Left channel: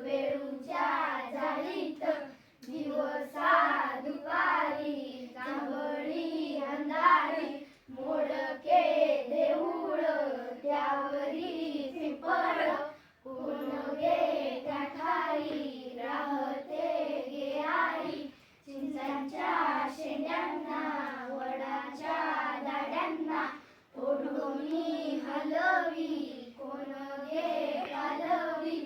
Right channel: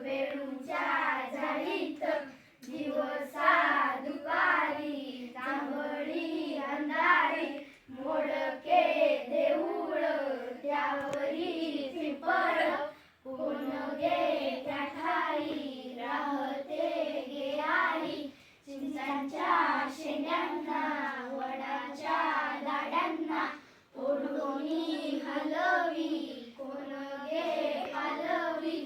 वेळूच्या झाडीत दिवसा दुपारी जांभळी अंधारी मोडके देऊळ त्यावरी पिंपळ पुनगे त्या ठाई राहते गेयारी चिंचांच्या शेंड्यांना वडाच्या दाड्यांना ओढोनी हलवी कोण गे पालवी